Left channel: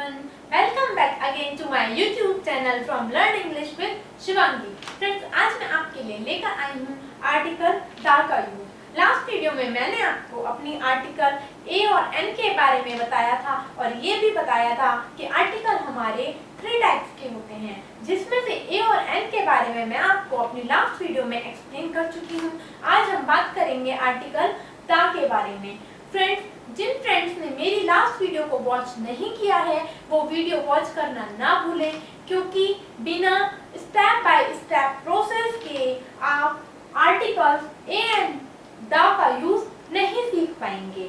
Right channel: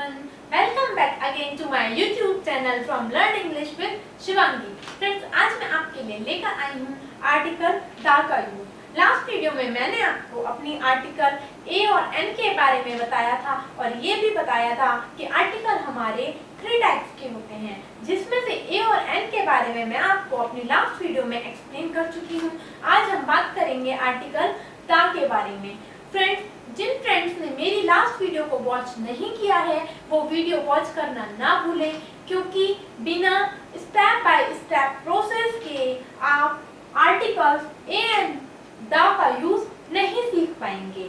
everyone. Welcome back again to my YouTube channel from Learn English with Shivangi. Friends, आज मैं आपके लिए लेकर आई हूँ आर्टिकल द का यूज। लास्ट वीडियो में मैंने आपको अपनी आर्टिकल ए और एन के बारे में बताया था और ये भी बताया था कि आर्टिकल हमारे 3 टाइप्स के होते हैं, जिसमें से ए और एन के बारे में मैं आपको अपनी लास्ट वीडियो में एक्सप्लेन कर चुकी हूँ। आज हम बात करेंगे आर्टिकल द के बारे में। फ्रेंड्स, जिन फ्रेंड्स ने मेरी लास्ट वीडियो को वॉच नहीं किया है वो वीडियो वॉच करना ना भूलें, क्योंकि बिना स्टेप बाय स्टेप प्रोसेस के आप आर्टिकल्स ए एंड द का यूज नहीं सीख पाएंगे।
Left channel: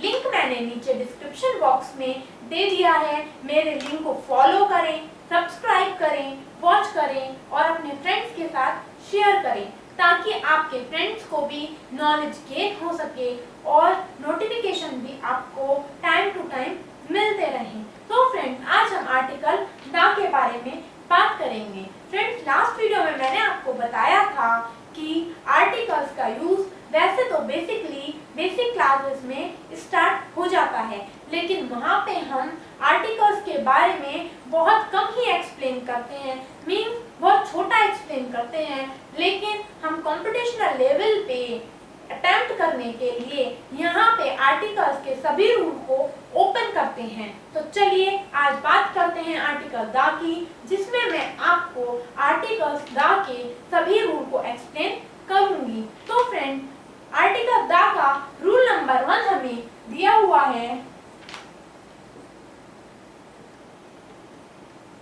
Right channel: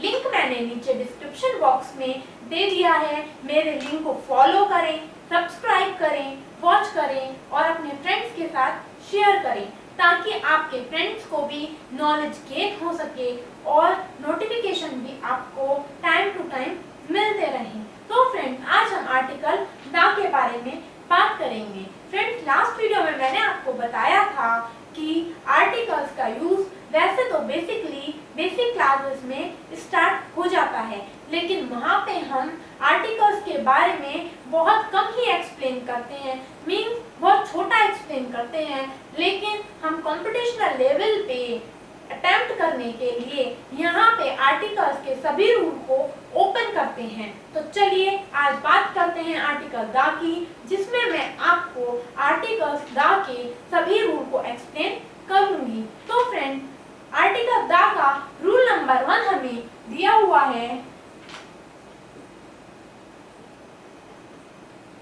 लिंक मैंने नीचे डिस्क्रिप्शन बॉक्स में दे दिया है, मेरे लिंक को फॉलो करें, सब्सक्राइब करें, वॉच करें और अपने फ्रेंड्स के साथ शेयर करें, ताकि आपके फ्रेंड्स को भी नॉलेज गेन हो सके और नोटिफिकेशन भी आपको टाइम टू टाइम मिलते रहें। तो फ्रेंड्स, आज हम आर्टिकल द के बारे में बात करेंगे। फ्रेंड्स, लास्ट वीडियो में मैंने आपको बताया था कि आर्टिकल्स का यूज वैसे तो बेसिक क्लासेस में स्टार्ट हो जाता है, लेकिन वहाँ पे हम आर्टिकल्स के बारे में बहुत कम ही एक्सप्लेन करते हैं, मीन्स बहुत छोटा एक्सप्लेन करते हैं। लेकिन हम कॉम्पिटिशनल लेवल पे अटेम्प्ट करने के लिए यहाँ पे आर्टिकल्स के सभी रूल को ओपन करते हैं। तो चलिए आज बात करते हैं आर्टिकल द की, जिसमें मैं आपको आर्टिकल्स द के सभी रूल को एक्सप्लेन करूंगी। तो फ्रेंड, आर्टिकल द का रूल नंबर 1 हमें दिया हुआ है।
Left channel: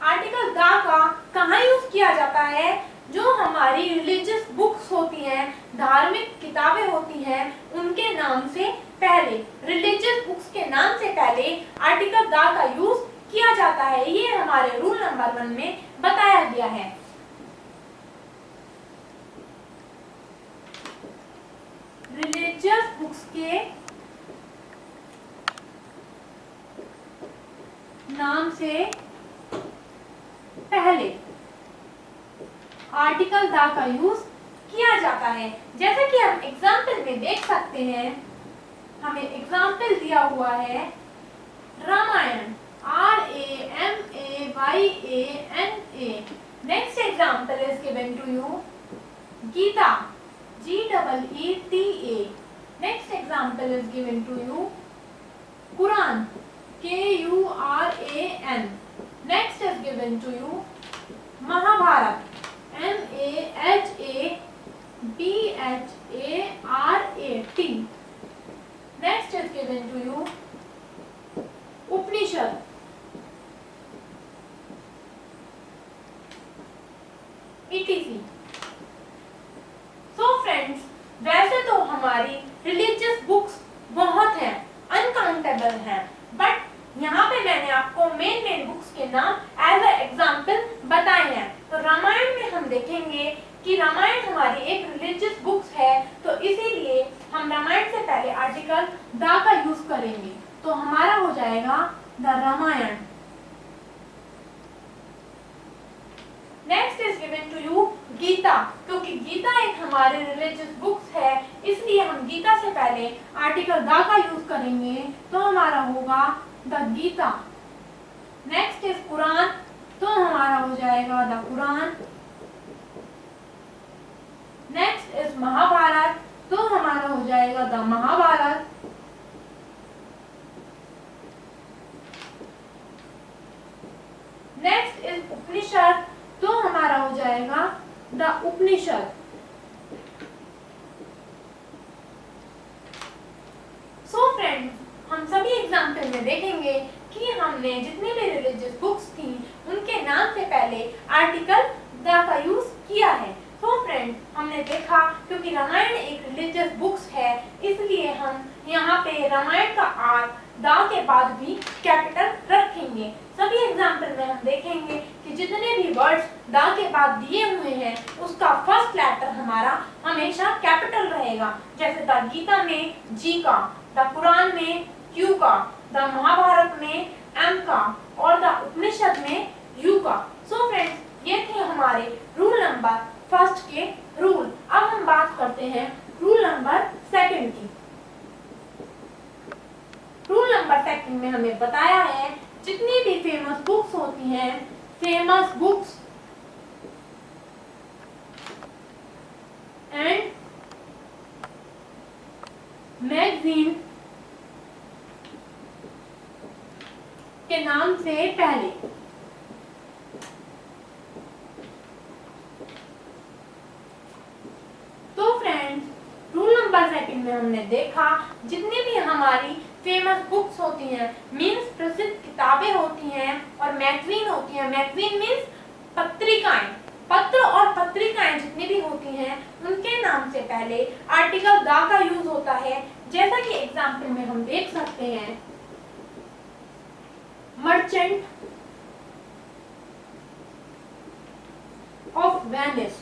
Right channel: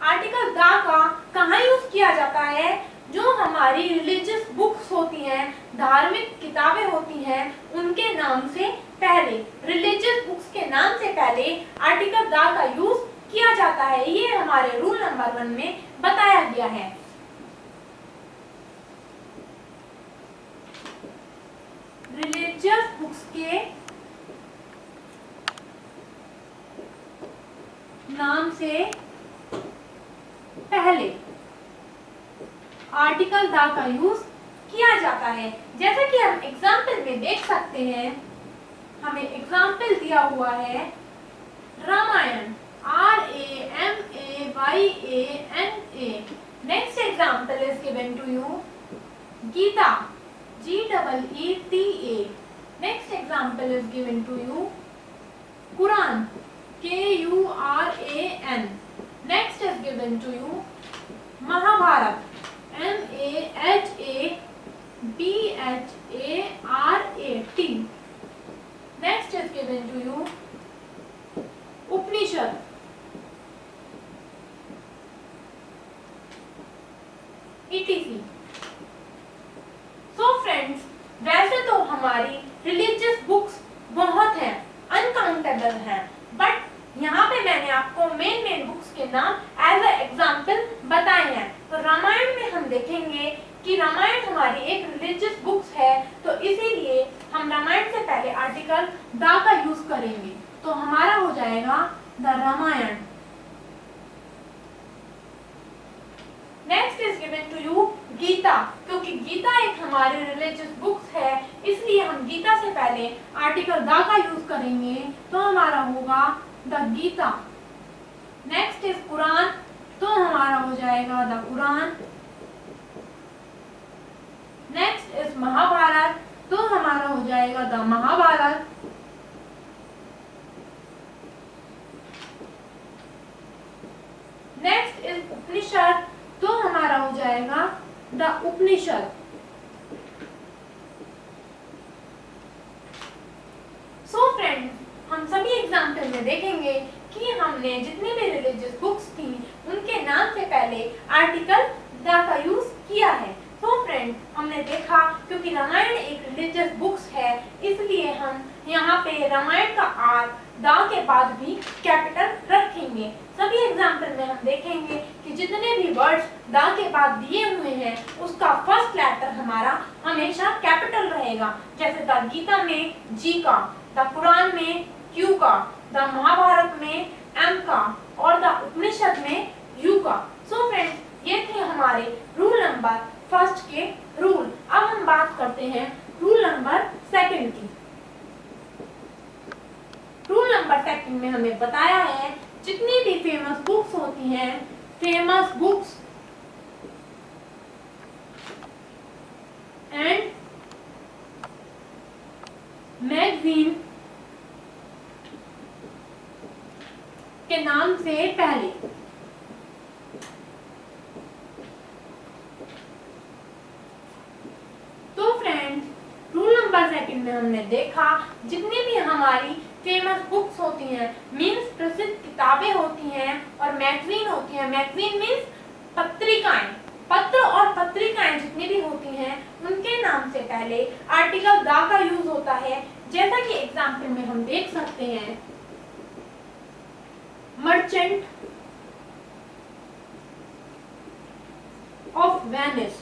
आर्टिकल द का कहाँ यूज किया जाता है? जो हमारी रिलीजियस बुक्स होती हैं, धार्मिक किताबें होती हैं, उनके नाम से पहले, रिलीजियस बुक्स के नाम से पहले आर्टिकल द का यूज किया जाता है। ये हमारे रूल नंबर 1 में बताया गया है। रिलीजियस बुक्स के नाम से पहले आर्टिकल द का यूज किया जाता है। जैसे कि हम एग्जाम्पल में देख सकते हैं, हमें एग्जाम्पल दिया हुआ है Ramayana, RAMAYANA। Next example is given to you Gita, GEETA। Next example is given to you Quran, KURAN। Next is given to you Mahabharata, MAHABHARAT। Next is given to you Upanishad, ETC। So friends, वैसे तो हमारी religious books बहुत हैं, uncountable हैं, but यहाँ पे मैंने आपको मेन बुक्स के नाम एज अ एग्जाम्पल बताए हैं। तो रामायण में हम देखेंगे कि रामायण हमारी एक रिलीजियस बुक्स है, तो इसीलिए हम रामायण से पहले आर्टिकल द का यूज करेंगे। तो हमारा हो जाएगा the Ramayana. Next is given to you Gita, क्योंकि गीता एक हमारी रिलीजियस बुक्स है, इसलिए हम गीता से पहले आर्टिकल द का यूज करेंगे। तो हमारा होगा the Gita. Next is Quran, तो हमारा हो जाएगा the Quran. Next is Mahabharata, तो हमारा हो जाएगा the Mahabharata. Next is Upanishad, तो हमारा हो जाएगा द उपनिषद। सो फ्रेंड्स, हम सभी एग्जाम्पल में देखेंगे कि हमने जितनी भी रिलीजियस बुक्स थी उनके नाम से पहले आर्टिकल द का यूज किया है। तो फ्रेंड, हमने देखा क्योंकि रामायण एक रिलीजियस बुक्स है, इसलिए हम यहाँ पे रामायण का आर द के बाद भी कैपिटल रखेंगे। सभी एग्जाम्पल में हम देखेंगे कि जितने भी वर्ड्स द के बाद दिए हुए हैं उसका फर्स्ट लेटर हमारा हमेशा कैपिटल रहेगा। जैसे द गीता में जी का, द कुरान में क्यू का, द महाभारत में एम का और द उपनिषद में यू का। सो फ्रेंड्स, ये थे हमारे रूल नंबर 1 के रूल। अब हम बात करते हैं रूल नंबर 2 की। रूल नंबर 2 में हमें बताया है जितनी भी फेमस बुक्स होती हैं, फेमस बुक्स एंड मैगजीन के नाम से पहले। तो फ्रेंड्स, रूल नंबर सेकंड में हमने देखा जितनी भी हमारी फेमस बुक्स होती हैं, मीन्स प्रसिद्ध किताबें होती हैं, और मैगजीन होती हैं, मैगजीन मीन्स पत्रिकाएं, पत्र और पत्रिकाएं जितनी भी होती हैं उनके नाम से पहले आर्टिकल द का यूज होता है। जैसा कि एग्जाम्पल में हम देख सकते हैं, merchant of Venice,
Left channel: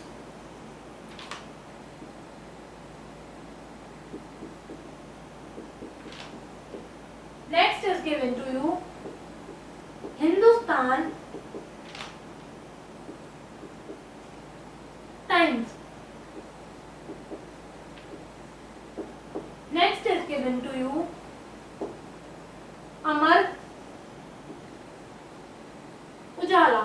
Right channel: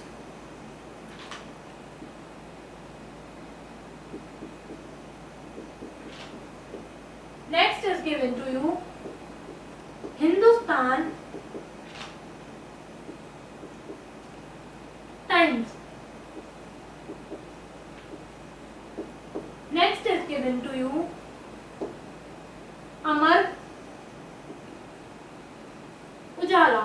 next is given to you Hindustan Times, next is given to you Amar उजाला।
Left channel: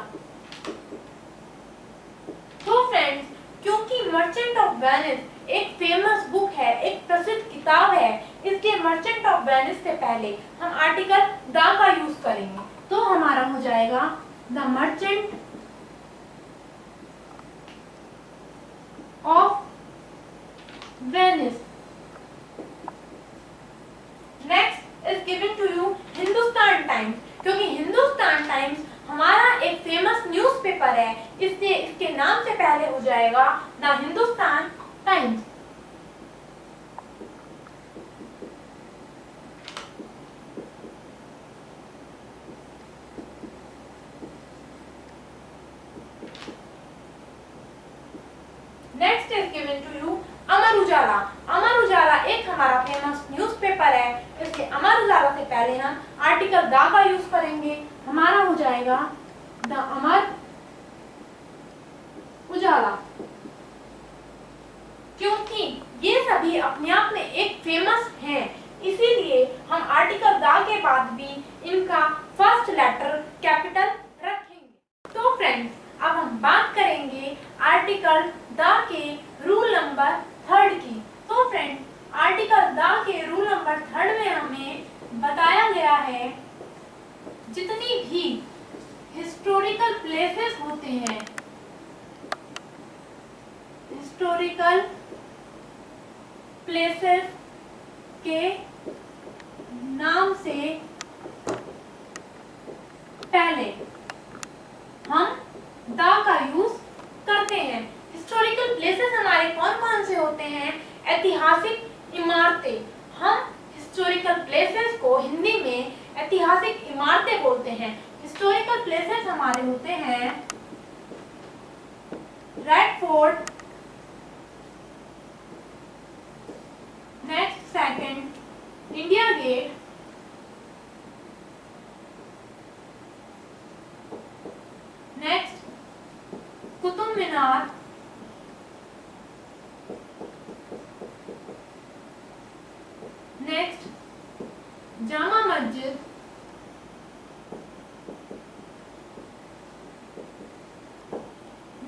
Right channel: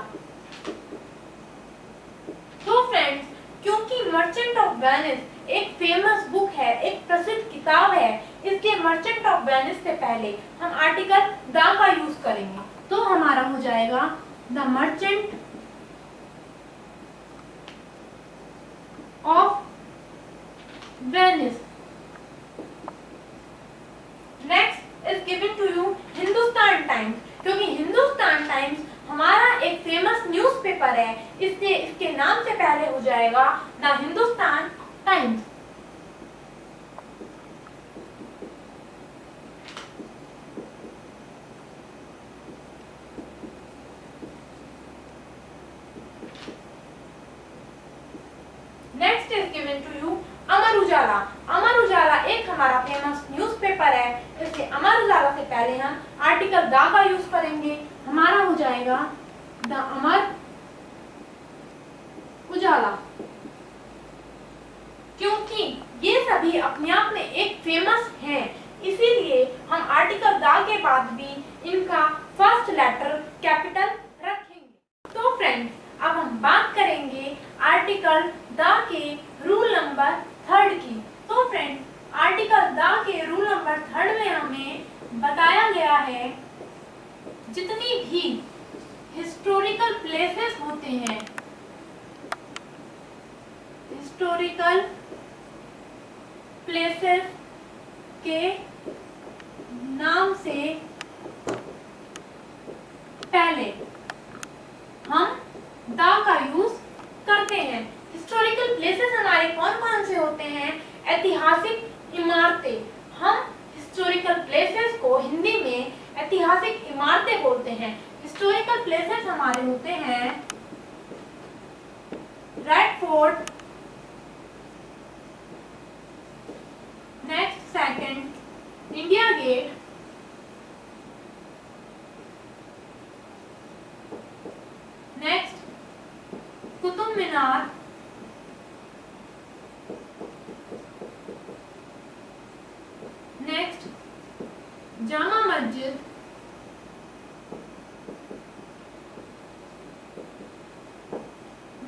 तो फ्रेंड्स, क्योंकि मर्चेंट ऑफ वेनिस एक फेमस बुक है, एक प्रसिद्ध किताब है, इसलिए मर्चेंट ऑफ वेनिस से पहले हम आर्टिकल द का यूज करेंगे। तो हमारा हो जाएगा the Merchant of Venice. Next is given to you Hindustan Times, क्योंकि हिंदुस्तान टाइम्स हमारा एक फेमस न्यूज़पेपर है, इसलिए इसके नाम से पहले हो जाएगा the Hindustan Times. Next is given to you Amar Ujala. Amar Ujala एक हमारा फेमस न्यूज़पेपर है, इसलिए अमर उजाला से पहले हम आर्टिकल द का यूज करेंगे। हमारा हो जाएगा द अमर उजाला, क्योंकि ये सभी अपने आप में एक फेमस हैं, इसीलिए हम आर्टिकल द के बाद भी इनका फर्स्ट लेटर कैपिटल रखेंगे। तो फ्रेंड्स, अब हम बात करेंगे आर्टिकल द के रूल नंबर 3 की। तो फ्रेंड्स, आर्टिकल द के रूल नंबर 3 में हमें बताया गया है जितनी भी हिस्टोरिकल प्लेसेस होते हैं, हिस्टोरिकल प्लेसेस के नाम से पहले हम द का यूज करते हैं। हिस्टोरिकल प्लेसेस हमारे कौन कौन से होते हैं? ऐतिहासिक इमारतें। हम हिस्टोरिकल प्लेसेस को हिंदी में ऐतिहासिक इमारतें बोलते हैं। हिस्टोरिकल प्लेसेस हमारे होते हैं Red Fort, next second India Gate, next Qutub Minar, next Jama Masjid,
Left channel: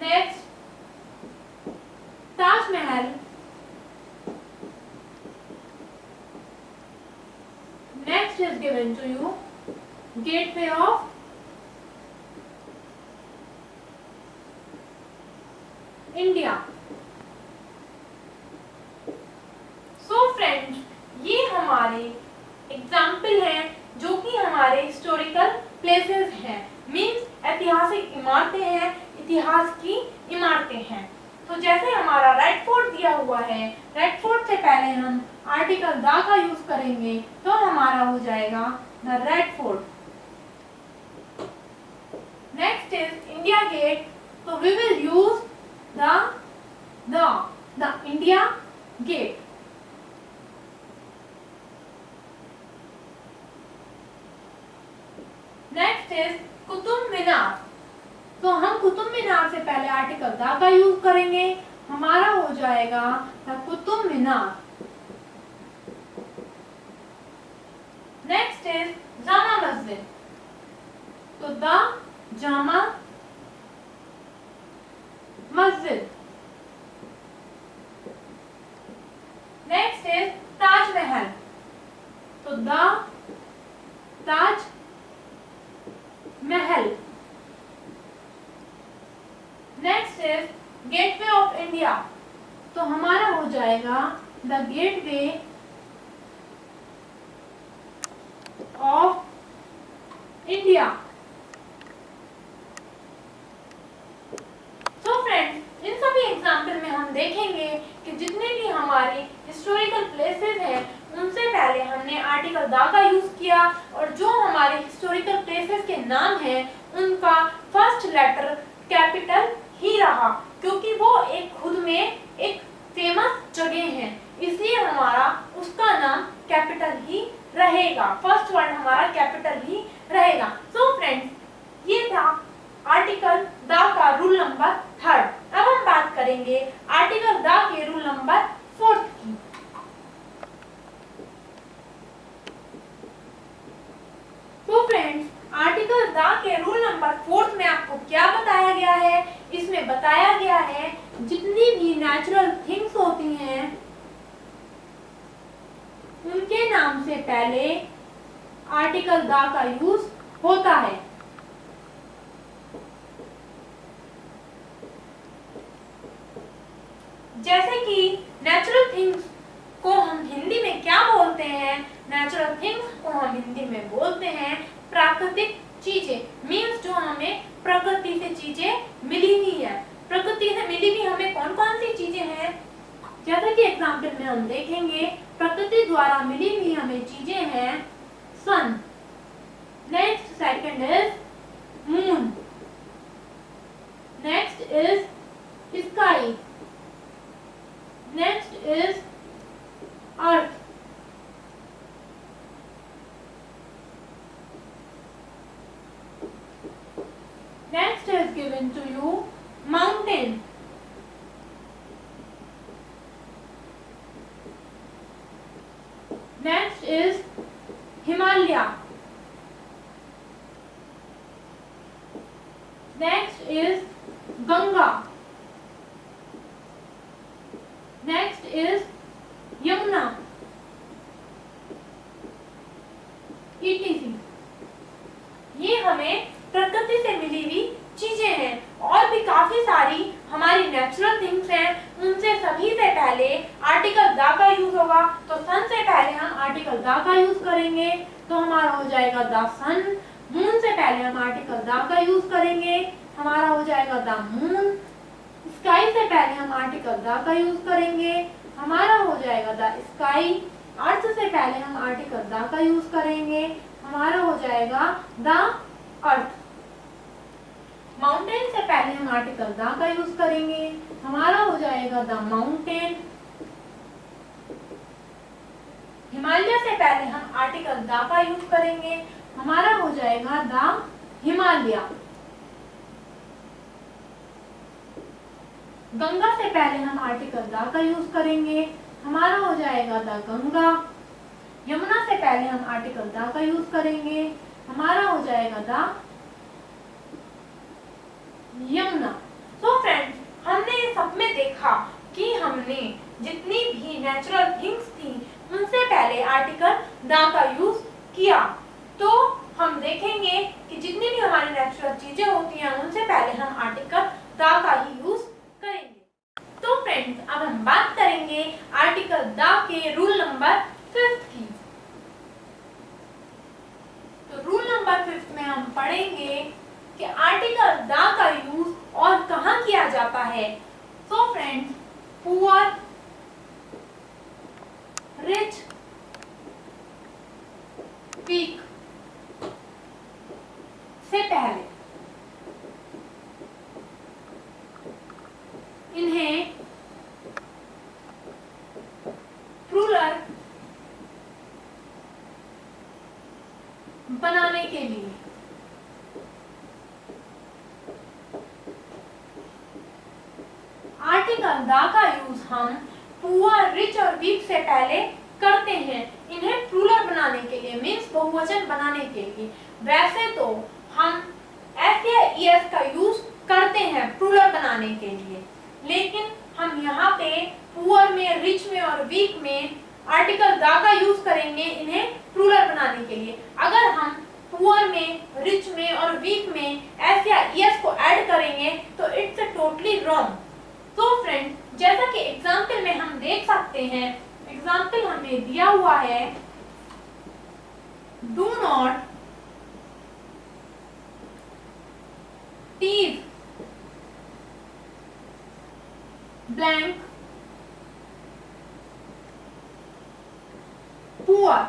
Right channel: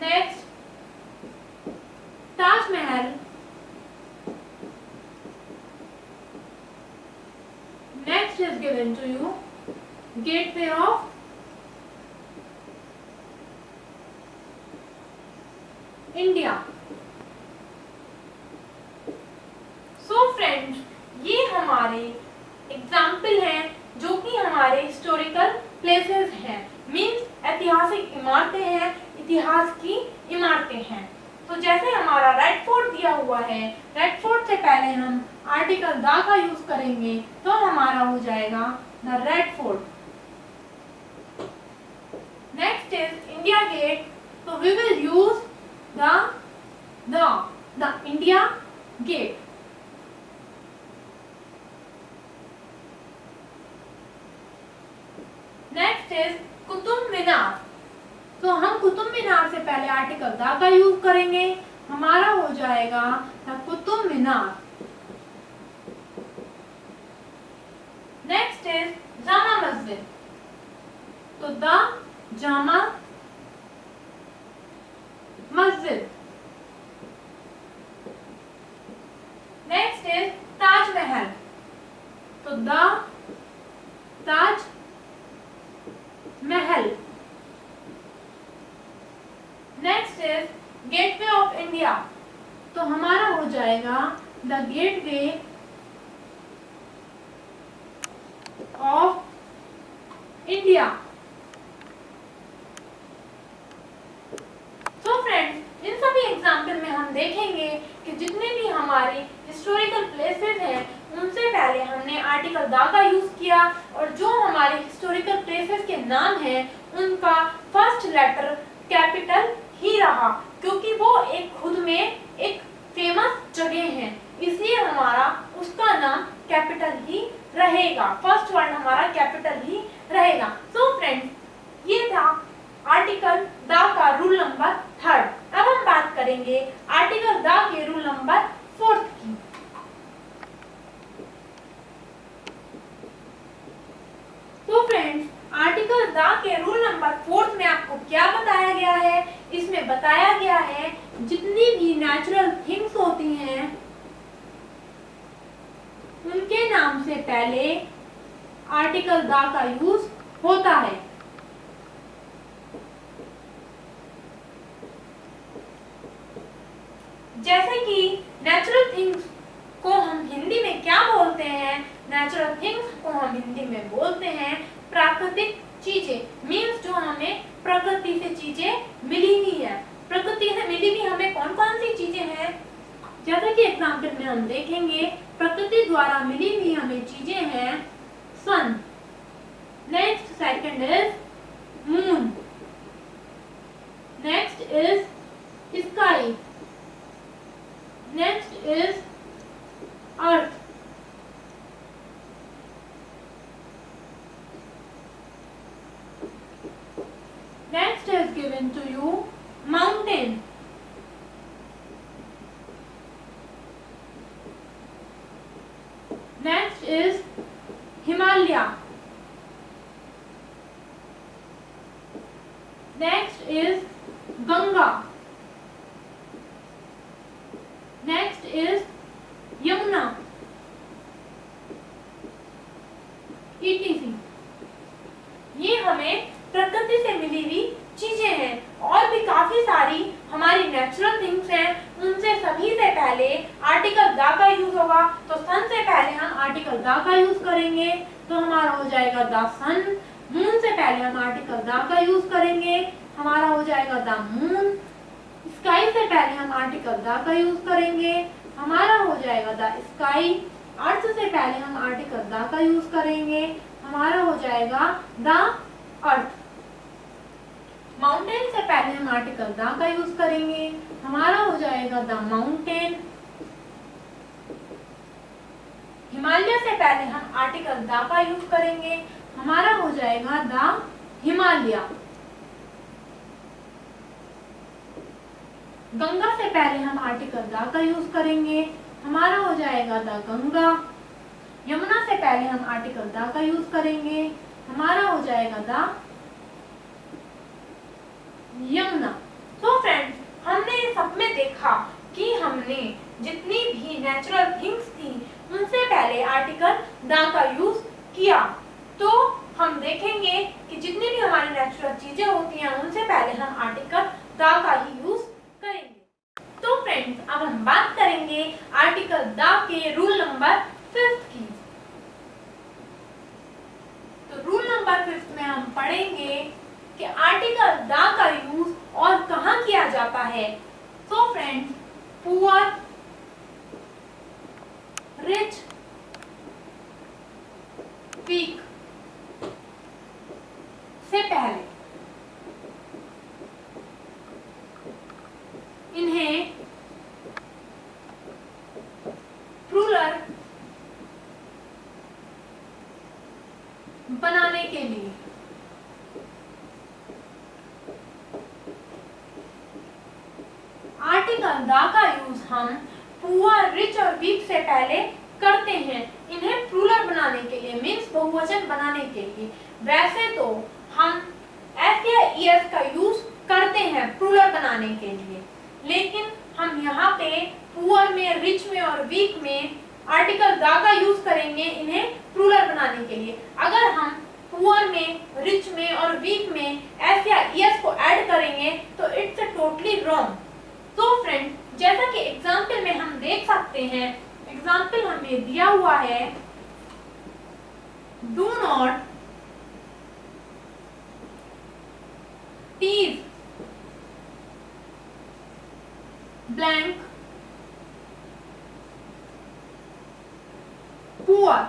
next Taj Mahal, next is given to you gateway of India। So friends, ये हमारे एग्जाम्पल हैं जो कि हमारे हिस्टोरिकल प्लेसेस हैं, मीन्स ऐतिहासिक इमारतें हैं, इतिहास की इमारतें हैं। तो जैसे हमारा रेड फोर्ट दिया हुआ है, रेड फोर्ट से पहले हम आर्टिकल द का यूज करेंगे, तो हमारा हो जाएगा the Red Fort. Next is India Gate, तो we will use the India Gate. Next is Qutub Minar, तो हम कुतुब मीनार से पहले आर्टिकल द का यूज करेंगे, हमारा हो जाएगा the Qutub Minar. Next is Jama Masjid, तो the Jama Masjid. Next is Taj Mahal, तो the Taj Mahal. Next is gateway of India, तो हमारा हो जाएगा द गेटवे ऑफ इंडिया। तो फ्रेंड्स, इन सभी एग्जाम्पल में हम देखेंगे कि जितने भी हमारे हिस्टोरिकल प्लेसेस हैं उनसे पहले हमने आर्टिकल द का यूज किया, और जो हमारे हिस्टोरिकल प्लेसेस के नाम हैं उनका फर्स्ट लेटर कैपिटल ही रहा, क्योंकि वो एक खुद में एक फेमस जगह है, इसलिए हमारा उसका नाम कैपिटल ही रहेगा, फर्स्ट वर्ड हमारा कैपिटल ही रहेगा। सो फ्रेंड्स, ये था आर्टिकल द का रूल नंबर 3। अब हम बात करेंगे आर्टिकल द के रूल नंबर 4 की। तो फ्रेंड्स, आर्टिकल द के रूल नंबर 4 में आपको क्या बताया गया है? इसमें बताया गया है जितनी भी नेचुरल थिंग्स होती हैं उनके नाम से पहले आर्टिकल द का यूज होता है। जैसे कि नेचुरल थिंग्स को हम हिंदी में क्या बोलते हैं? नेचुरल थिंग्स को हम हिंदी में बोलते हैं प्राकृतिक चीजें। मीन्स जो हमें प्रकृति से चीजें मिली हुई है। प्रकृति से मिली हुई हमें कौन कौन सी चीजें हैं? जैसे कि एग्जाम्पल में हम देखेंगे, प्रकृति द्वारा मिली हुई हमें चीजें हैं sun. Next second is moon. Next is sky. Next is earth. Next is given to you mountain. Next is Himalaya. Next is Ganga. Next is Yamuna. etc. ये हमें प्रकृति से मिली हुई चीजें हैं, और भी काफी सारी हमारी नेचुरल थिंग्स हैं। उनसे सभी से पहले आर्टिकल द का यूज होगा, तो सन से पहले हम आर्टिकल द का यूज करेंगे, तो हमारा हो जाएगा द सन। मून से पहले हम आर्टिकल द का यूज करेंगे, हमारा हो जाएगा द मून। स्काई से पहले हम आर्टिकल द का यूज करेंगे, हमारा हो जाएगा द स्काई। अर्थ से पहले हम आर्टिकल द का यूज करेंगे, हमारा हो जाएगा द अर्थ। माउंटेन से पहले हम आर्टिकल द का यूज करेंगे, हमारा हो जाएगा द माउंटेन। हिमालय से पहले हम आर्टिकल द का यूज करेंगे, हमारा हो जाएगा द हिमालय। गंगा से पहले हम आर्टिकल द का यूज करेंगे, हमारा हो जाएगा द गंगा। यमुना से पहले हम आर्टिकल द का यूज करेंगे, हमारा हो जाएगा द यमुना। तो फ्रेंड्स, हमने ये सब में देखा कि हमने जितनी भी नेचुरल थिंग्स थी उनसे पहले आर्टिकल द का यूज किया। तो हम देखेंगे कि जितनी भी हमारी नेचुरल चीजें होती हैं उनसे पहले हम आर्टिकल द का ही यूज करेंगे। तो फ्रेंड्स, अब हम बात करेंगे आर्टिकल द के रूल नंबर 5 की। तो रूल नंबर 5 में हम पढ़ेंगे कि आर्टिकल द का यूज और कहाँ किया जाता है। So friends, poor, rich, weak से पहले इन्हें प्लूरल बनाने के लिए आर्टिकल द का यूज हम पुअर, रिच और वीक से पहले करते हैं, इन्हें प्लूरल बनाने के लिए, मीन्स बहुवचन बनाने के लिए। वैसे तो हम एस या ईएस का यूज करते हैं प्लूरल बनाने के लिए, लेकिन हम यहाँ पे पुअर में, रिच में और वीक में आर्टिकल द का यूज करेंगे इन्हें प्लूरल बनाने के लिए। अगर हम पुअर में, रिच में और वीक में एस या ईएस को ऐड करेंगे तो इट्स टोटली रॉन्ग। तो फ्रेंड्स, जैसा कि एग्जाम्पल में हम देख सकते हैं, एग्जाम्पल हमें दिया हुआ है, do not tease blank poor.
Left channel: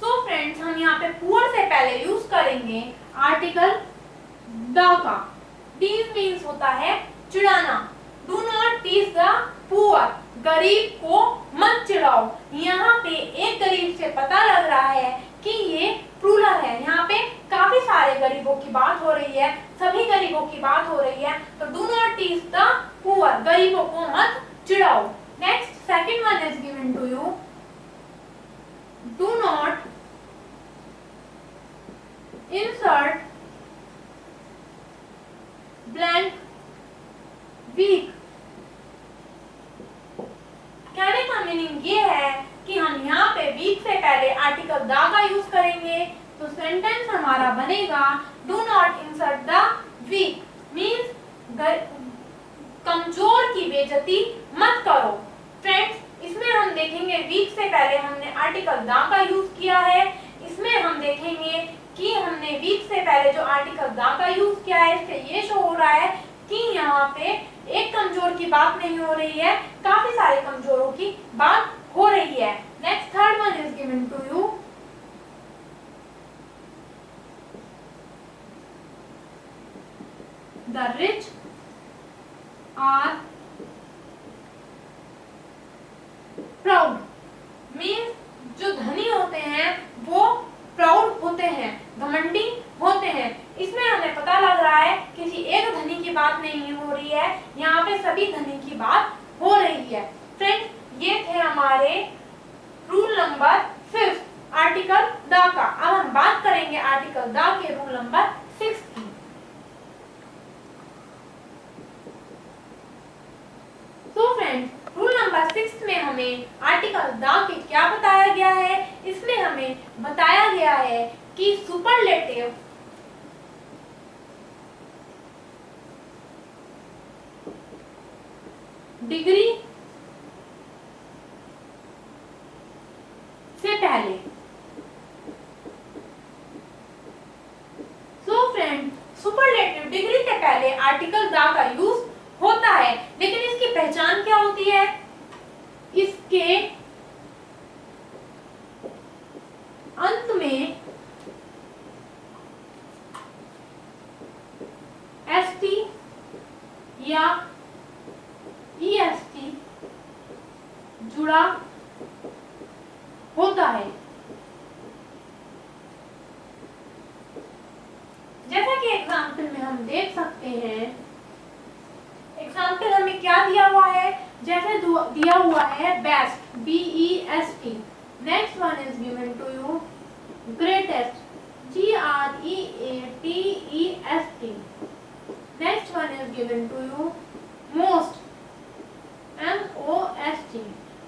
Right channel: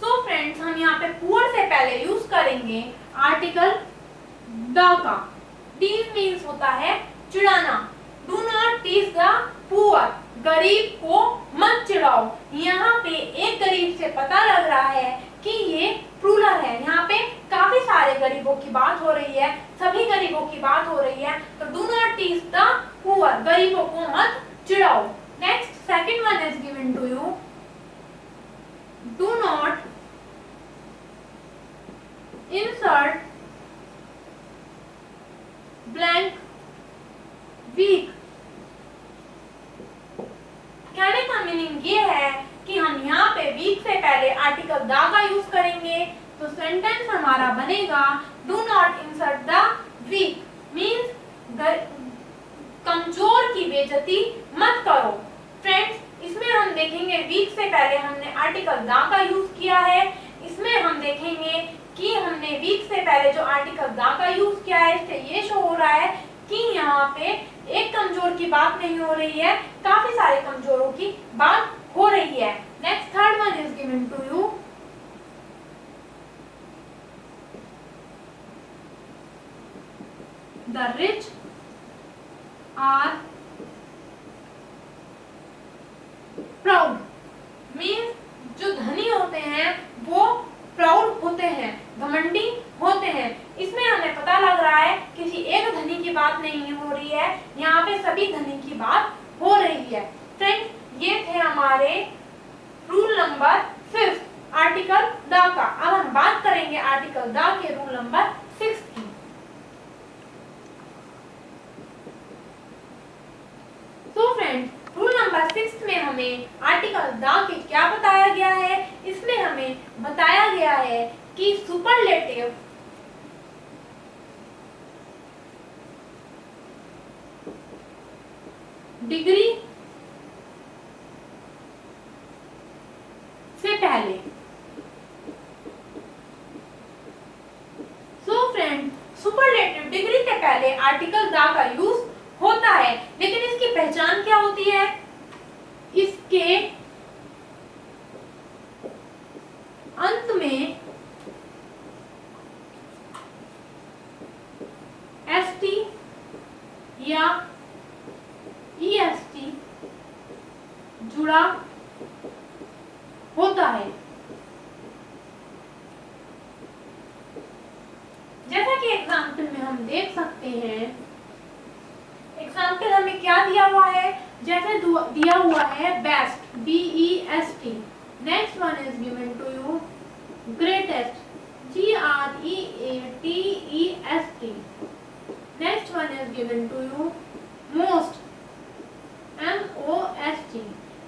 So friends, हम यहाँ पे पुअर से पहले यूज करेंगे आर्टिकल द का। टीज मीन्स होता है चिढ़ाना। Do not tease the poor, गरीब को मत चिढ़ाओ। यहाँ पे एक गरीब से पता लग रहा है कि ये प्लूरल है। यहाँ पे काफी सारे गरीबों की बात हो रही है, सभी गरीबों की बात हो रही है। तो do not tease the poor, गरीबों को मत चिढ़ाओ। Next, second one is given to you, do not insert blank weak। कहने का मीनिंग ये है कि हम यहाँ पे वीक से पहले आर्टिकल द का यूज करेंगे, तो सेंटेंस हमारा बनेगा do not insult the weak, means कमजोर की बेइज्जती मत करो। फ्रेंड्स, इसमें हम देखेंगे वीक से पहले हमने आर्टिकल द का यूज किया है। इसमें हम देखेंगे कि हमने वीक से पहले जो आर्टिकल द का यूज किया है, इससे ये शो हो रहा है कि यहाँ पे एक कमजोर की बात नहीं हो रही है, काफी सारे कमजोरों की बात हो रही है। Next, third one is given to you, the rich are proud, means जो धनी होते हैं वो प्राउड होते हैं, घमंडी होते हैं। इसमें हमें पता लग रहा है किसी एक धनी की बात नहीं हो रही है, यहाँ पे सभी धनी की बात हो रही है। फ्रेंड्स, ये थे हमारे रूल नंबर 5 आर्टिकल द का। अब हम बात करेंगे आर्टिकल द के रूल नंबर 6 की। तो फ्रेंड्स, रूल नंबर 6 में हमें आर्टिकल द के क्या बताया गया है? इसमें हमें बताया गया है कि सुपरलेटिव डिग्री से पहले, सो फ्रेंड, सुपरलेटिव डिग्री से पहले आर्टिकल द का यूज होता है, लेकिन इसकी पहचान क्या होती है? इसके अंत में एसटी या ईएसटी जुड़ा होता है। जैसा कि एग्जाम्पल में हम देख सकते हैं, एग्जाम्पल हमें क्या दिया हुआ है? जैसे दिया हुआ है best, BEST। Next one is given to you greatest, GREATEST। Next one is given to you most, MOST।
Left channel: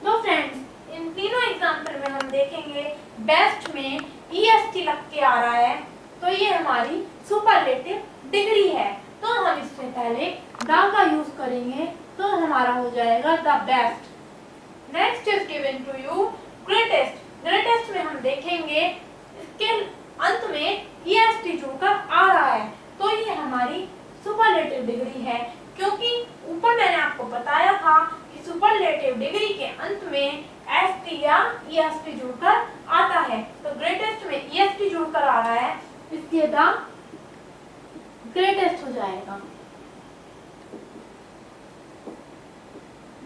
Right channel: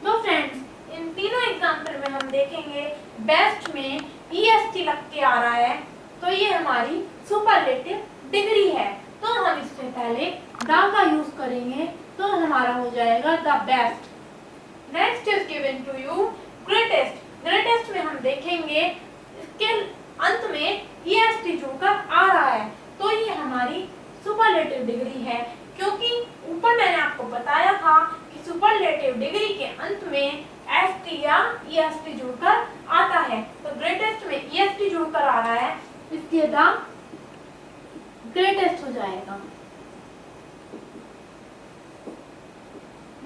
तो फ्रेंड्स, इन तीनों एग्जाम्पल में हम देखेंगे बेस्ट में EST लग के आ रहा है, तो ये हमारी सुपरलेटिव डिग्री है। तो हम इससे पहले द का यूज करेंगे, तो हमारा हो जाएगा the best. Next is given to you greatest. Greatest में हम देखेंगे इसके अंत में EST जुड़कर आ रहा है, तो ये हमारी सुपरलेटिव डिग्री है। क्योंकि ऊपर मैंने आपको बताया था कि सुपरलेटिव डिग्री के अंत में ST या EST जुड़कर आता है, तो ग्रेटेस्ट में EST जुड़कर आ रहा है, इसलिए द ग्रेटेस्ट हो जाएगा।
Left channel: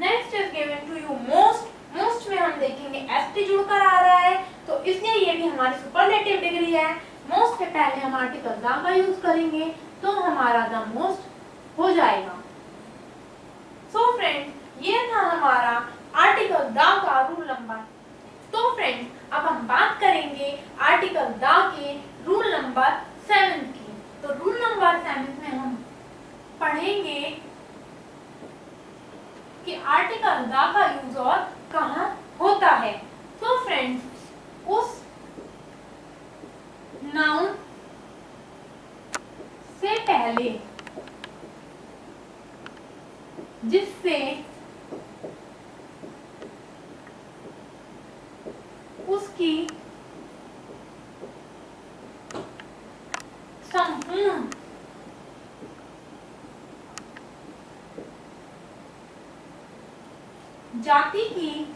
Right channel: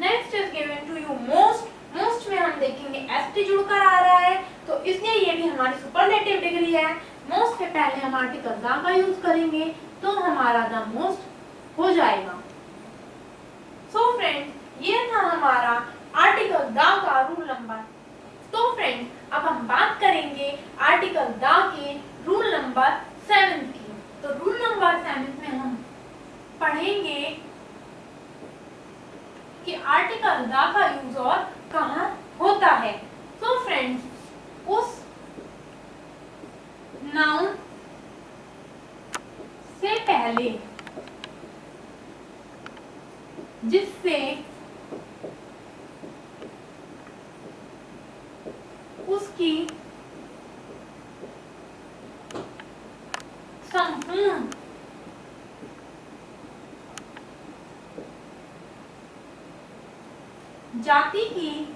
Next is given to you most. Most में हम देखेंगे ST जुड़कर आ रहा है, तो इसलिए ये भी हमारी सुपरलेटिव डिग्री है। मोस्ट से पहले हम आर्टिकल द का यूज करेंगे, तो हमारा द मोस्ट हो जाएगा। सो फ्रेंड्स, ये था हमारा आर्टिकल द का रूल नंबर। तो फ्रेंड्स, अब हम बात करेंगे आर्टिकल द के रूल नंबर 7 की। टाइम इसमें हम पढ़ेंगे कि आर्टिकल द का यूज और कहाँ होता है। तो फ्रेंड्स, उस नाउन से पहले जिससे उसकी संपूर्ण जाति की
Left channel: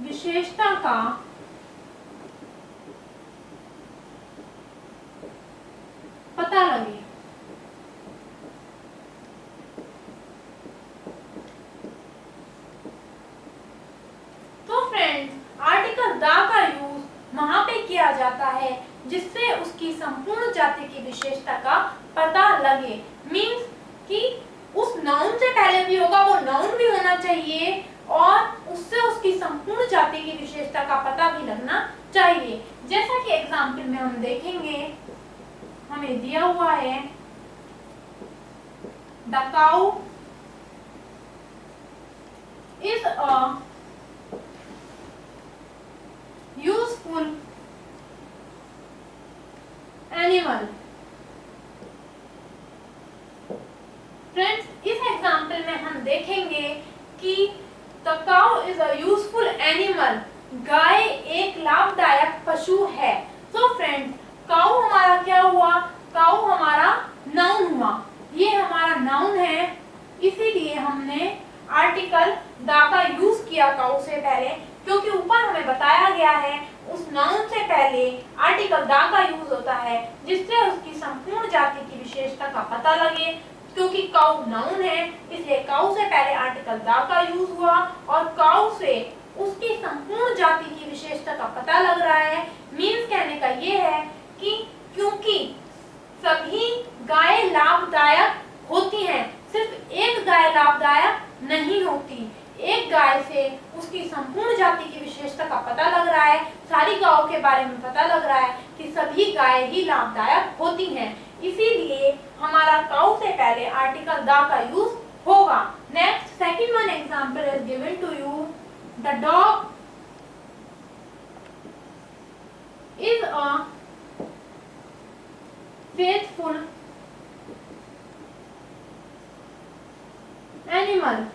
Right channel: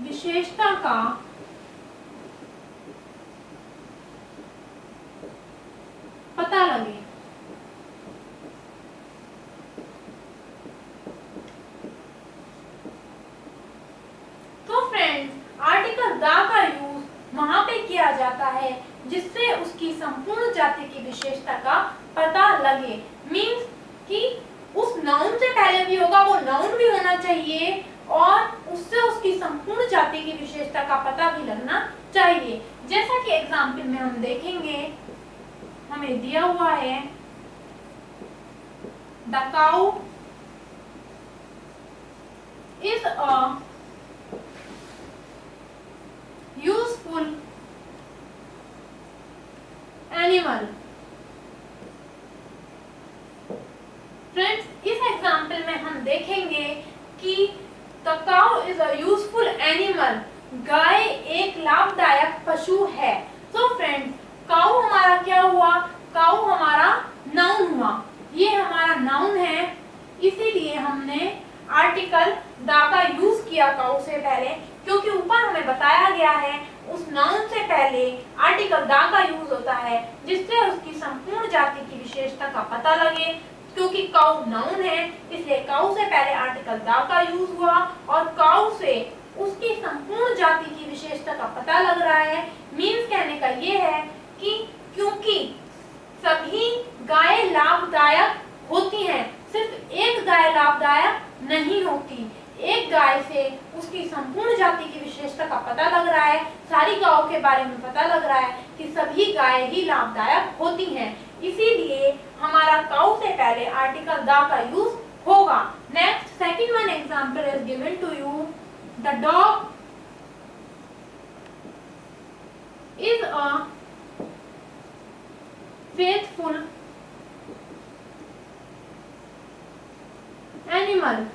विशेषता का पता लगे। तो फ्रेंड्स, आर्टिकल द का यूज वहां पे किया जाता है जिससे उसकी संपूर्ण जाति की विशेषता का पता लगे। मीन्स कि उस नाउन से पहले भी होगा, वो नाउन भी होना चाहिए और उससे उसकी संपूर्ण जाति की विशेषता का पता भी लगना चाहिए। जैसा कि एग्जाम्पल में हम देखेंगे, हमें दिया हुआ है the cow is a useful animal. Friends, इस एग्जाम्पल में हम देखेंगे कि the cow is a useful animal, गाय एक लाभदायक पशु है। तो फ्रेंड्स, काउ हमारा क्या हुआ? काउ हमारा नाउन हुआ। ये हमारा नाउन है, इसीलिए हमने आर्टिकल द का यूज किया काउ से पहले, क्योंकि ऊपर हमें बताया गया है उस नाउन से पहले आर्टिकल द का यूज होता है जिससे उसकी संपूर्ण जाति की विशेषता का पता लगे। क्योंकि काउ नाउन है, इसलिए काउ से पहले आर्टिकल द का यूज हुआ और काउ से उसकी संपूर्ण जाति की विशेषता का पता लग रहा है। मीन्स कहने का ये है कि क्योंकि सभी गाय लाभदायक होती हैं, सिर्फ एक गाय लाभदायक नहीं होती। एक गाय से उसकी संपूर्ण जाति की विशेषता का पता लग रहा है, सारी गायों के बारे में पता लग रहा है कि सभी गाय ही लाभदायक होती हैं, इसीलिए हमारा काउ से पहले आर्टिकल द का यूज होगा। Next, second one example is given to you, the dog is a faithful animal.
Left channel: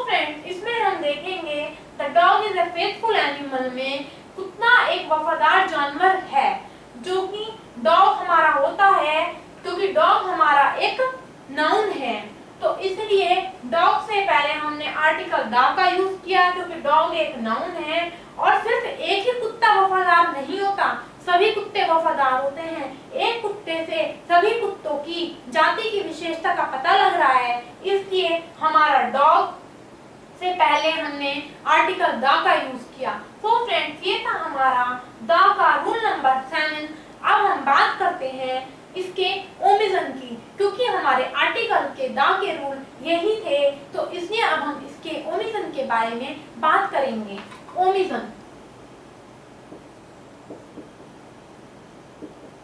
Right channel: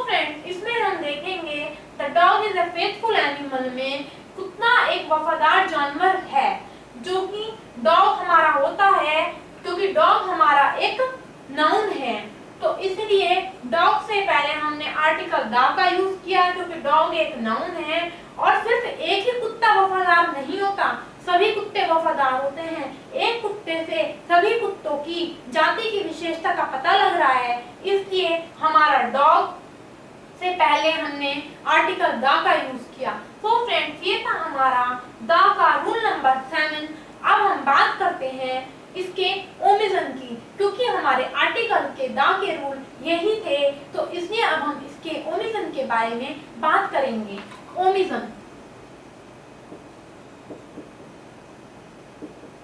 Friends, इसमें हम देखेंगे the dog is a faithful animal में कुत्ता एक वफादार जानवर है, जो कि डॉग हमारा होता है क्योंकि डॉग हमारा एक नाउन है। तो इसलिए डॉग से पहले हमने आर्टिकल द का यूज किया क्योंकि डॉग एक नाउन है। और सिर्फ एक ही कुत्ता वफादार नहीं होता, सभी कुत्ते वफादार होते हैं। एक कुत्ते से सभी कुत्तों की जाति की विशेषता का पता लग रहा है, इसलिए हमारा डॉग से पहले हमने आर्टिकल द का यूज किया। तो फ्रेंड्स, ये था हमारा द का रूल नंबर 7। अब हम बात करते हैं इसके ओमिशन की, क्योंकि हमारे आर्टिकल के द के रूल यही थे, तो इसलिए अब हम इसके ओमिशन के बारे में बात करेंगे। ओमिशन,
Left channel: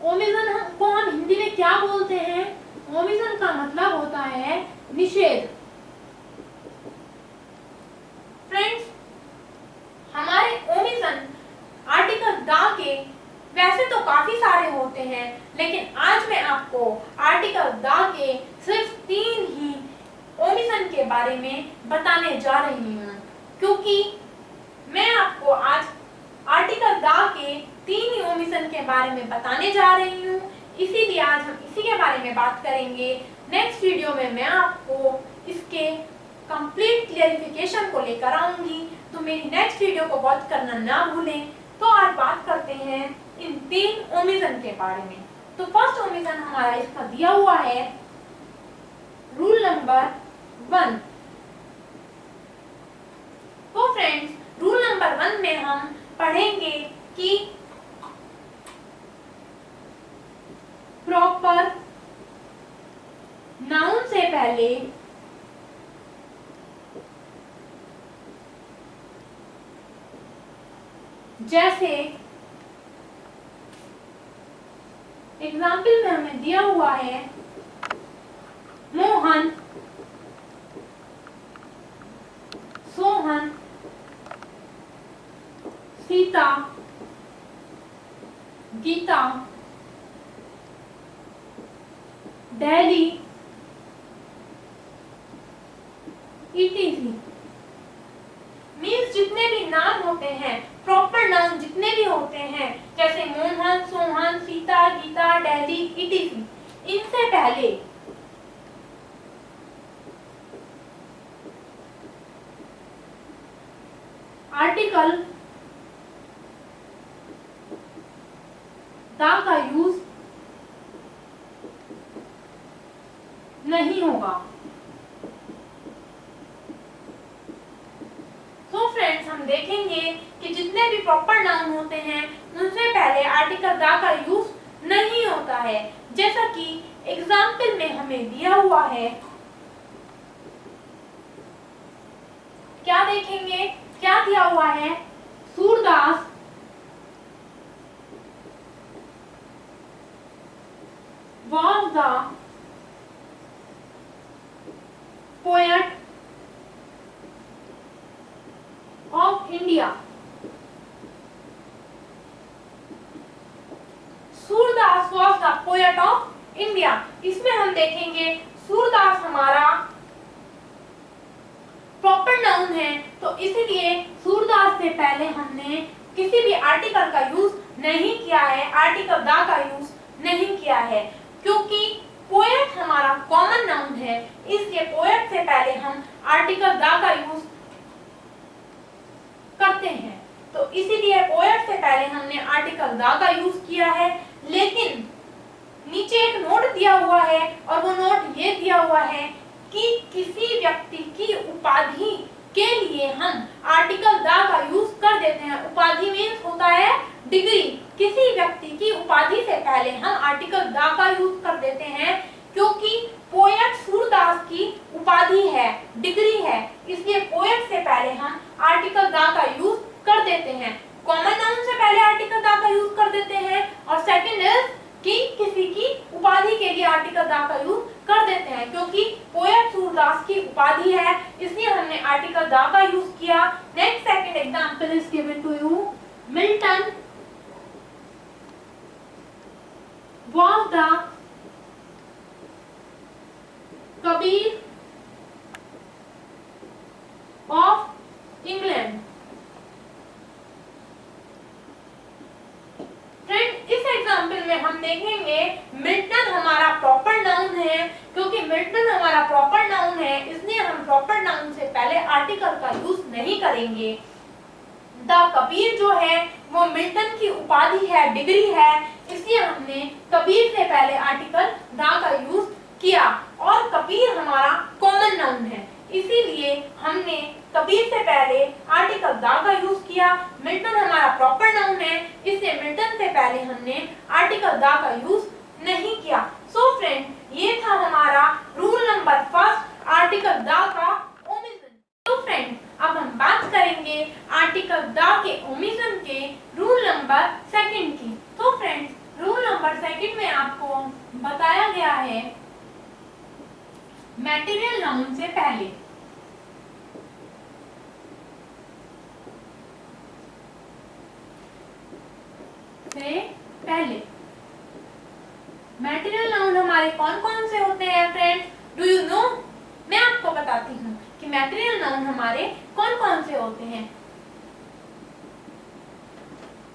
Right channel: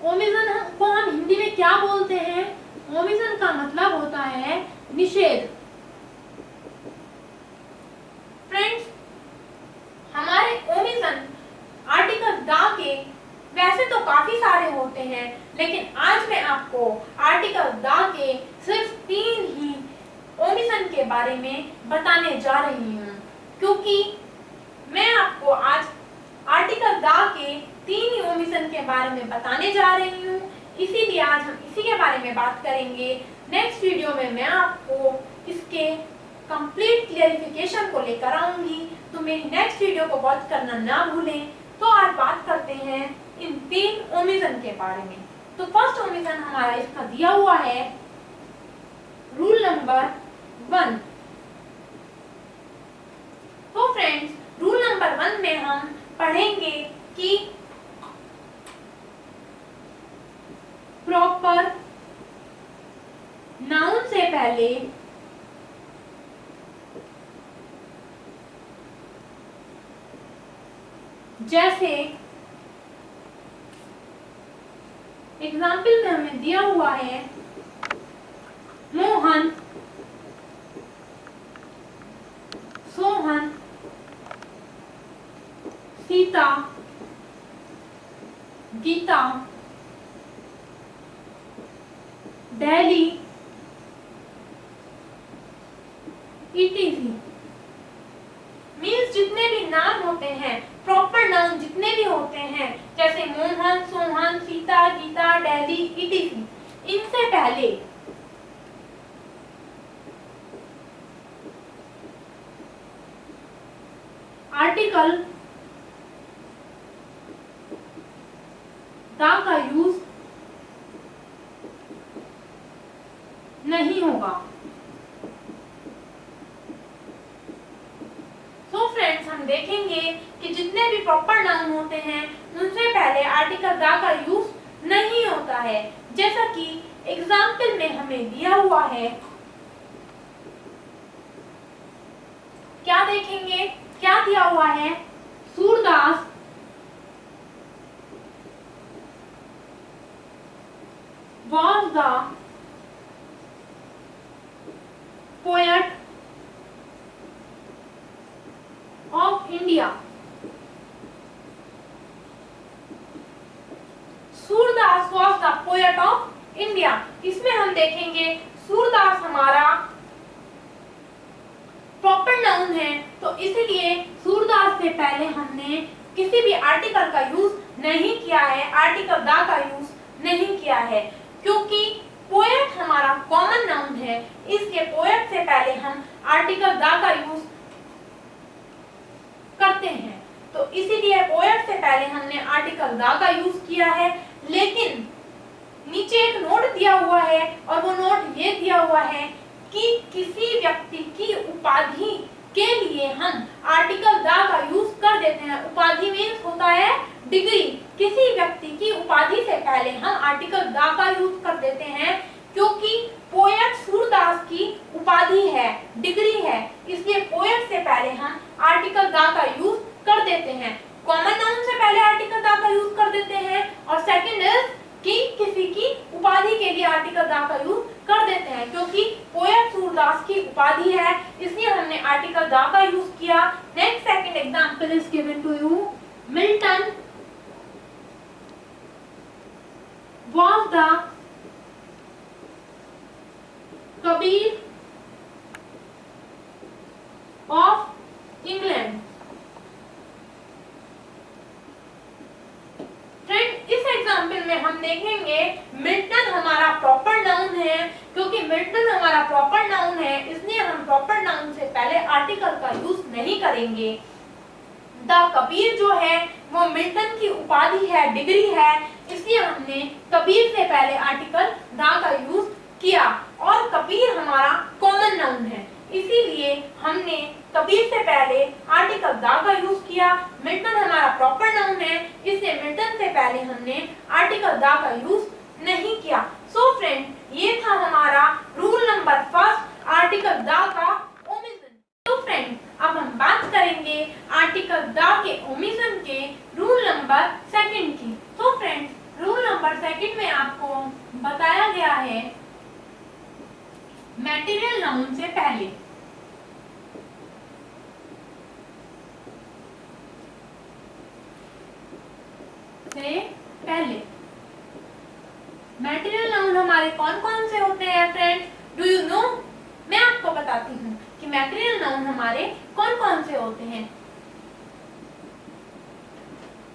ओमिशन को हम हिंदी में क्या बोलते हैं? ओमिशन का मतलब होता है निषेध। फ्रेंड्स, हमारे ओमिशन आर्टिकल द के वैसे तो काफी सारे होते हैं, लेकिन आज मैं आपको आर्टिकल द के सिर्फ 3 ही ओमिशन के बारे में बताने जा रही हूँ, क्योंकि मैं आपको आज आर्टिकल द के 3 ही ओमिशन के बारे में बताने जा रही हूँ, इसीलिए आज हम इसी के बारे में बात करेंगे। नेक्स्ट वीडियो में मैं आपको इसके कंप्लीट क्लियरिफिकेशन को लेकर आऊंगी, तो मेरी नेक्स्ट वीडियो को वॉच करना ना भूलें। तो आज बात करते हैं इन 3 ओमिशन के बारे में। तो फर्स्ट ओमिशन हमारा इसका दिया हुआ है रूल नंबर 1। तो फ्रेंड्स, रूल नंबर 1 में हम पढ़ेंगे कि प्रॉपर नाउन से पहले जैसे एग्जाम्पल में हमें दिया हुआ है मोहन, सोहन, सीता, गीता, दिल्ली, ईटीसी। मीन्स जितने भी नाम होते हैं, प्रॉपर नाउन जितने भी होते हैं, जैसे मोहन, सोहन, सीता, गीता, दिल्ली, ईटीसी, इनसे पहले आर्टिकल द का यूज नहीं होगा। सो फ्रेंड्स, हम देखेंगे कि जितने भी प्रॉपर नाउन होते हैं उनसे पहले आर्टिकल द का यूज नहीं होता है। जैसा कि एग्जाम्पल में हमें दिया हुआ है, क्या देखेंगे, क्या दिया हुआ है? Surdas was the poet of India। Surdas was the poet of India। इसमें हम देखेंगे सूरदास हमारा प्रॉपर नाउन है, तो इसीलिए सूरदास से पहले हमने किसी भी आर्टिकल का यूज नहीं किया है, आर्टिकल द का यूज नहीं किया है, क्योंकि पोएट हमारा कॉमन नाउन है, इसलिए पोएट से पहले हम आर्टिकल द का यूज करते हैं। तो इसीलिए पोएट से पहले हमने आर्टिकल द का यूज किया है। लेकिन नीचे एक नोट दिया हुआ है, और वो नोट ये दिया हुआ है कि किसी व्यक्ति की उपाधि के लिए हम आर्टिकल द का यूज कर देते हैं। उपाधि मीन्स होता है डिग्री। किसी व्यक्ति की उपाधि से पहले हम आर्टिकल द का यूज कर देते हैं, क्योंकि पोएट सूरदास की उपाधि है, डिग्री है, इसलिए पोएट से पहले हम आर्टिकल द का यूज कर देते हैं। कॉमन नाउन से पहले आर्टिकल द का यूज कर देते हैं, और सेकंड इज कि किसी की उपाधि के लिए आर्टिकल द का यूज कर देते हैं, क्योंकि पोएट सूरदास की उपाधि है, इसलिए हमने आर्टिकल द का यूज किया। Next second example is given to you. Milton was the Kabir of England। Friend, इस एग्जाम्पल में हम देखेंगे मिल्टन हमारा प्रॉपर नाउन है, क्योंकि मिल्टन हमारा प्रॉपर नाउन है, इसलिए हम प्रॉपर नाउन से पहले आर्टिकल का यूज नहीं करेंगे। द कबीर जो है वो मिल्टन की उपाधि है, डिग्री है, इसलिए हमने कबीर से पहले आर्टिकल द का यूज किया। और कबीर हमारा कॉमन नाउन है, इसीलिए हमने कबीर से पहले आर्टिकल द का यूज किया। मिल्टन हमारा प्रॉपर नाउन है, इसलिए मिल्टन से पहले हमने आर्टिकल द का यूज नहीं किया। सो फ्रेंड, ये था हमारा rule number first, article the का ओमिशन। तो फ्रेंड, अब हम बात करेंगे आर्टिकल द के ओमिशन के रूल नंबर सेकंड की। तो फ्रेंड्स, रूल नंबर सेकंड में आपको बताया गया है मैटेरियल नाउन से पहले मैटेरियल नाउन हमारे कौन कौन से होते हैं फ्रेंड्स? Do you know? मैं आपको बताती हूँ कि मैटेरियल नाउन हमारे कौन कौन से होते हैं।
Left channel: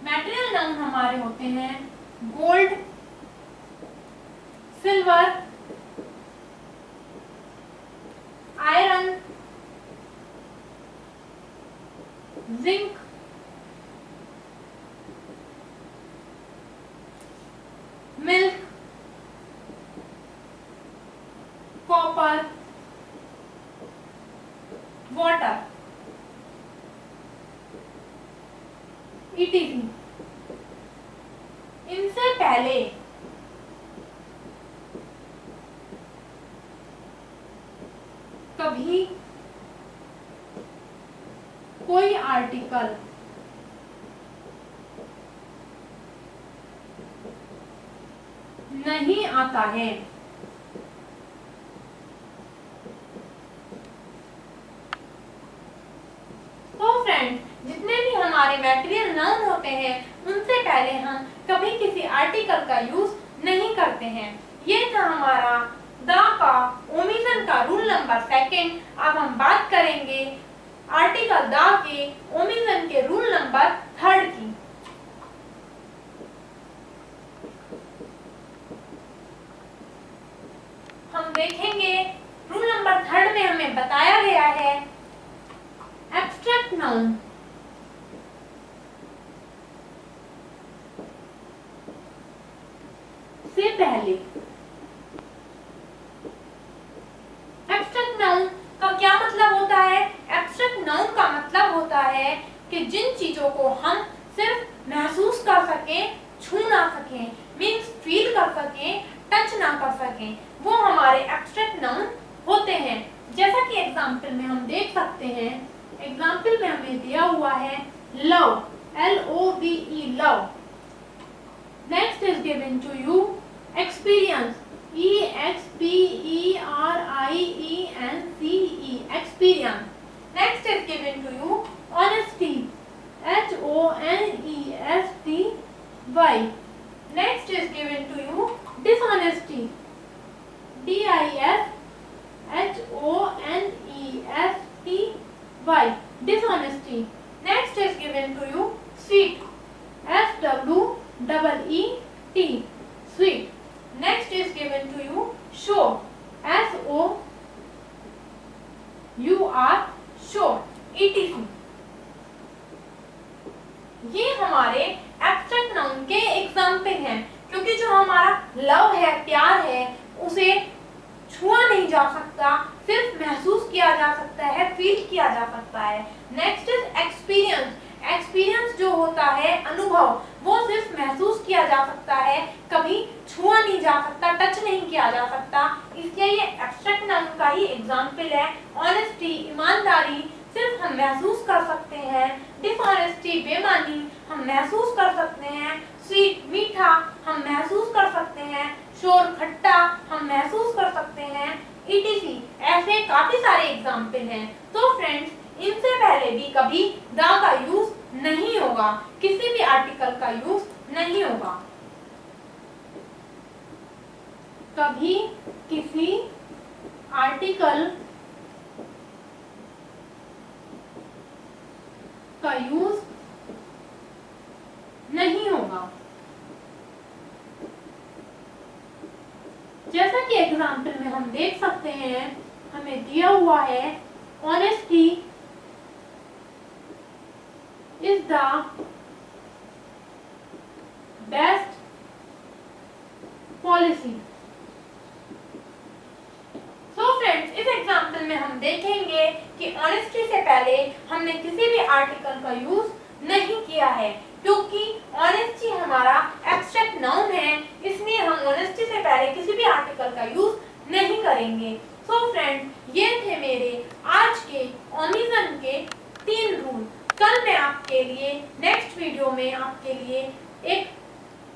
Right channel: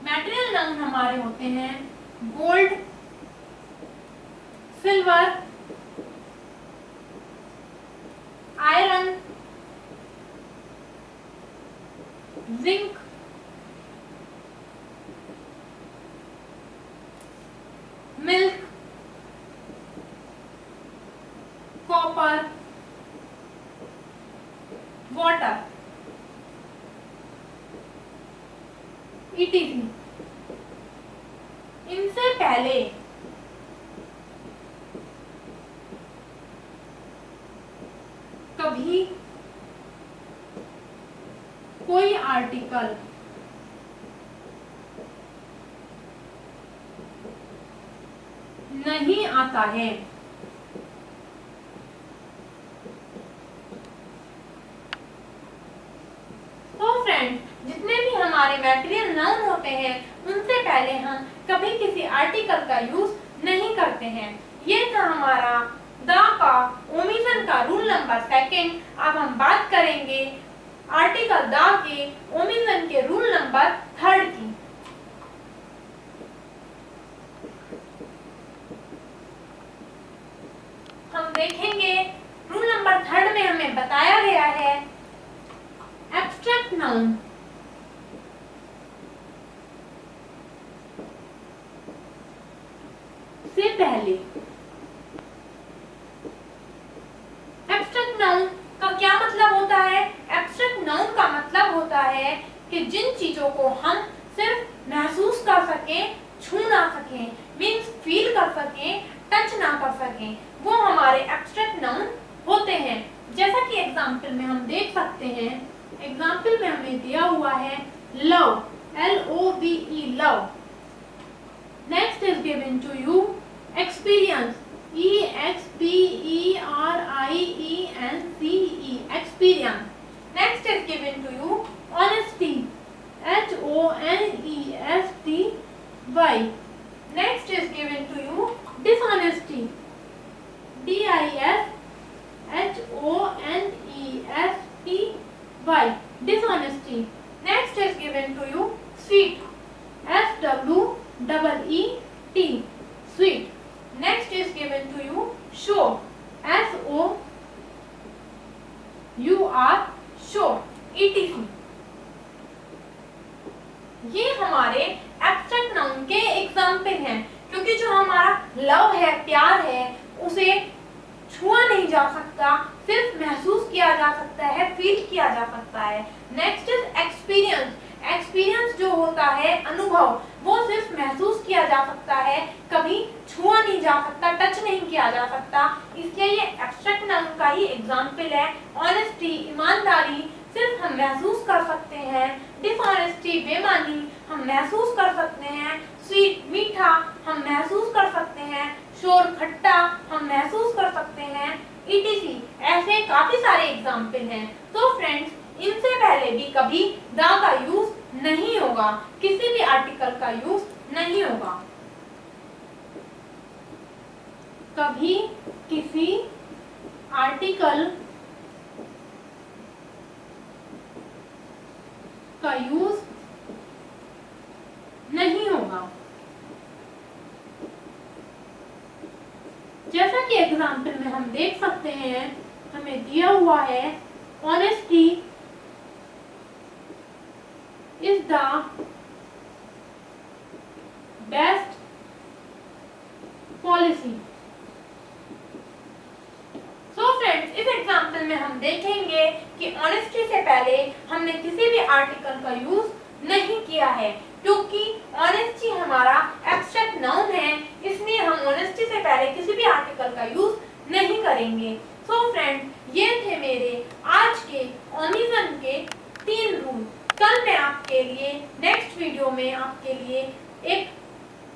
मैटेरियल नाउन हमारे होते हैं gold, silver, iron, zinc, milk, copper, water, etc. इनसे पहले कभी कोई आर्टिकल नहीं आता है। तो फ्रेंड्स, जितने भी हमारे मटेरियल नाउन होते हैं उनसे पहले हम कभी किसी आर्टिकल का यूज नहीं करते हैं। ये था हमारा द का ओमिशन का रूल नंबर सेकंड। अब हम बात करेंगे आर्टिकल द के ओमिशन के रूल नंबर थर्ड की। हम देखेंगे रूल नंबर थर्ड में हमें बताया गया है एब्स्ट्रैक्ट नाउन से पहले। एब्स्ट्रैक्ट नाउन का क्या मतलब होता है? एब्स्ट्रैक्ट नाउन का मतलब होता है कि जिन चीजों को हम सिर्फ महसूस कर सकें, छू ना सकें, मीन्स फील कर सकें, टच ना कर सकें, वो हमारे एब्स्ट्रैक्ट नाउन होते हैं। जैसा कि एग्जाम्पल में हम देख सकते हैं, एग्जाम्पल में हमें दिया हुआ है love, LOVE, love. Next is given to you experience, EXPERIENCE, experience. Next is given to you honesty, HONESTY. Next is given to you dishonesty, DISHONESTY, dishonesty. Next is given to you sweet, SWEET, sweet. Next is given to you show, SOUR, show, ETC. ये हमारे abstract noun के example हैं, क्योंकि जो हमारा love है, प्यार है, उसे छुआ नहीं जा सकता, सिर्फ महसूस किया जा सकता है, फील किया जा सकता है। Next is experience. एक्सपीरियंस जो होता है, अनुभव, वो सिर्फ महसूस किया जा सकता है, कभी छुआ नहीं जा सकता, टच नहीं किया जा सकता, इसलिए ये एब्स्ट्रैक्ट नाउन का ही एग्जाम्पल है। ऑनेस्टी, ईमानदारी, सिर्फ हम महसूस कर सकते हैं। डिसऑनेस्टी, बेईमानी, हम महसूस कर सकते हैं। स्वीट, मीठा, हम महसूस कर सकते हैं। शोर, खट्टा, हम महसूस कर सकते हैं। ETC, ऐसे काफी सारे एग्जाम्पल हैं। तो फ्रेंड्स, इनसे पहले भी कभी द का यूज नहीं होगा, किसी भी आर्टिकल का यूज नहीं होगा। कभी किसी आर्टिकल का यूज नहीं होगा। जैसा कि एग्जाम्पल में हम देख सकते हैं, हमें दिया हुआ है honesty is the best policy. So friends, इस एग्जाम्पल में हम देखेंगे कि ऑनेस्टी से पहले हमने किसी भी आर्टिकल का यूज नहीं किया है, क्योंकि ऑनेस्टी हमारा एब्स्ट्रैक्ट नाउन है, इसलिए हम ऑनेस्टी से पहले किसी भी आर्टिकल का यूज नहीं करेंगे। सो फ्रेंड्स, ये थे मेरे आज के ओमिशन के 3 रूल। कल मैं आपके लिए नेक्स्ट वीडियो में आपके लिए एक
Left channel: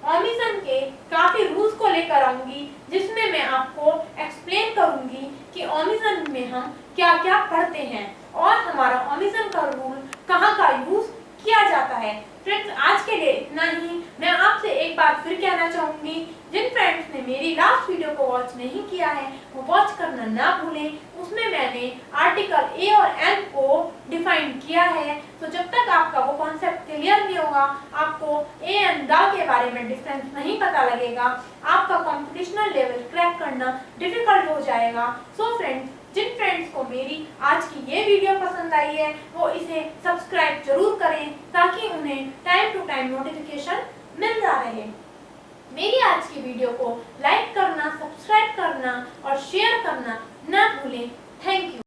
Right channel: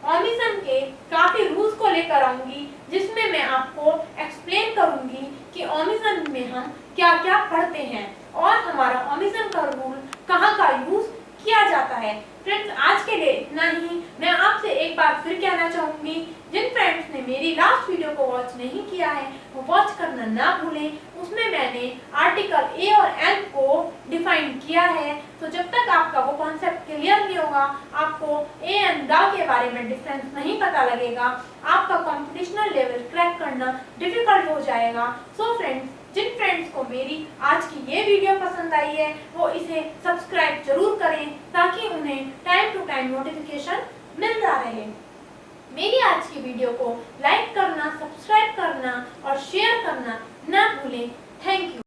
ओमिशन के काफी रूल्स को लेकर आऊंगी, जिसमें मैं आपको एक्सप्लेन करूंगी कि ओमिशन में हम क्या क्या पढ़ते हैं और हमारा ओमिशन का रूल कहाँ का यूज किया जाता है। फ्रेंड्स, आज के लिए इतना ही। मैं आपसे एक बार फिर कहना चाहूंगी, जिन फ्रेंड्स ने मेरी लास्ट वीडियो को वॉच नहीं किया है वो वॉच करना ना भूलें। उसमें मैंने आर्टिकल ए और एन को डिफाइन किया है, तो जब तक आपका वो कॉन्सेप्ट क्लियर नहीं होगा, आपको ए एंड द के बारे में डिफरेंस नहीं पता लगेगा, आपका कॉम्पिटिशनल लेवल क्रैक करना डिफिकल्ट हो जाएगा। सो फ्रेंड्स, जिन फ्रेंड्स को मेरी आज की ये वीडियो पसंद आई है वो इसे सब्सक्राइब जरूर करें, ताकि उन्हें टाइम टू टाइम नोटिफिकेशन मिलता रहे। मेरी आज की वीडियो को लाइक करना, सब्सक्राइब करना और शेयर करना ना भूलें। Thank you.